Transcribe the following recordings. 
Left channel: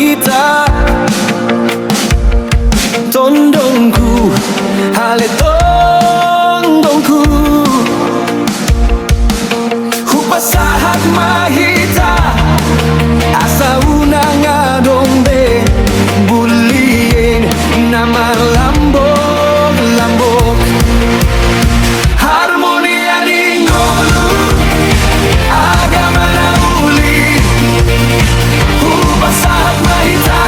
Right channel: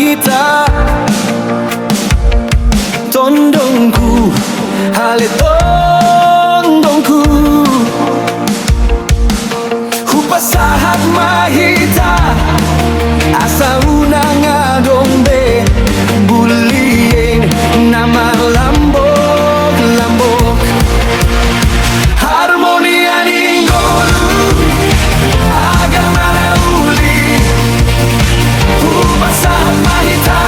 mahita tondongku, hale tondongku. Hupasahat mahita asa unang adombe buliyeng na malambok-lambok. Harmonia ningolu agama na uli. Hupasahat mahita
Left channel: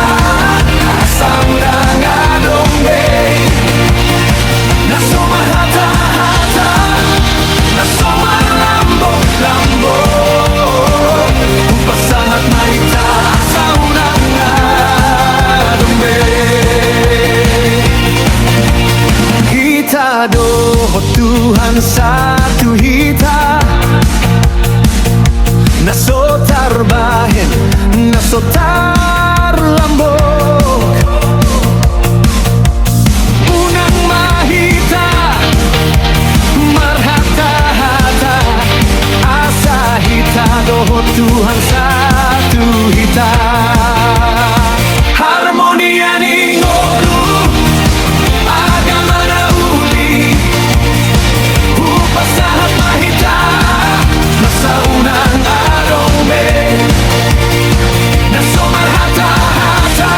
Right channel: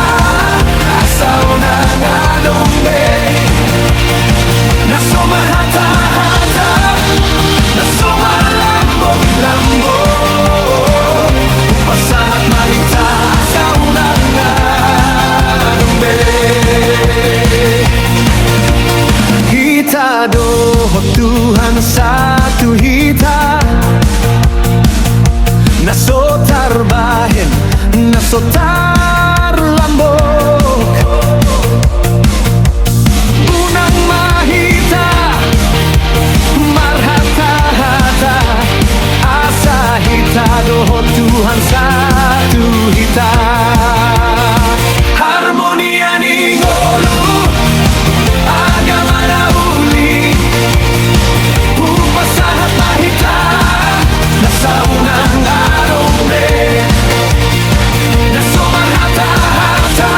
asa unang adombe naso mahata-hata naso malambok-lambok. Hupasahat mahita asa unang adombe. Hita doho Tuhan satu hita naso tarbahen naso tarlambok. Unang mahita marhata-hata asa hita doho Tuhan satu hita. Harmonia ningolu agama na uli. Hupasahat mahita nasa unang adombe naso marhata-hata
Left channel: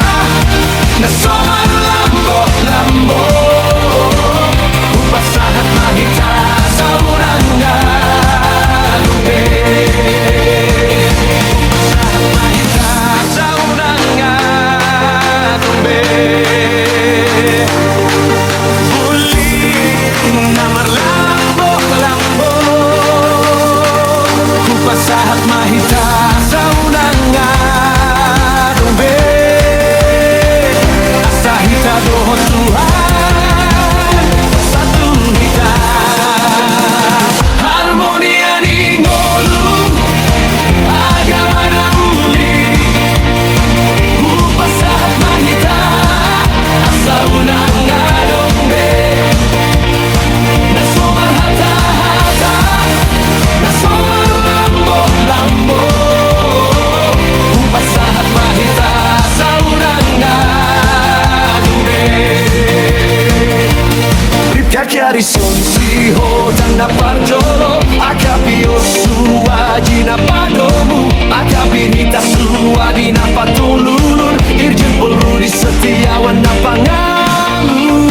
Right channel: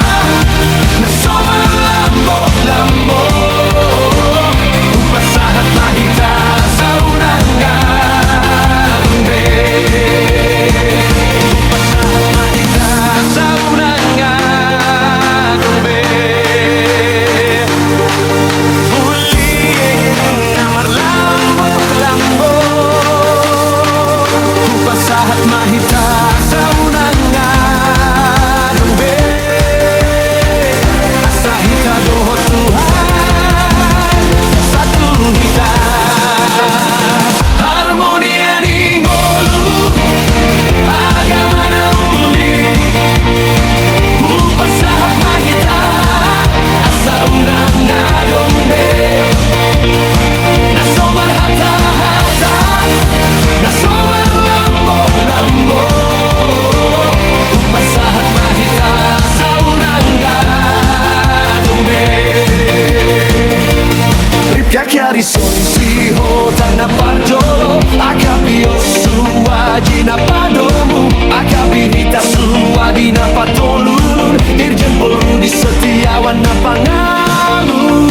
naso malambok-lambok. Hupasahat mahita sa unang adombe. Hupasahat mahita sa unang adombe. Hupasahat mahita sa unang adombe asa hita doho Tuhan satu hita. Harmonia ningolu agama na uli. Hupasahat mahita asa unang adombe naso marhata-hata naso malambok-lambok. Hupasahat mahita sa unang adombe. Ripchiacchiari son si hodang na parjolo akapio suwaji na padomu akabinita suwadi na patululun irjen polrudi setiawan na pangalu.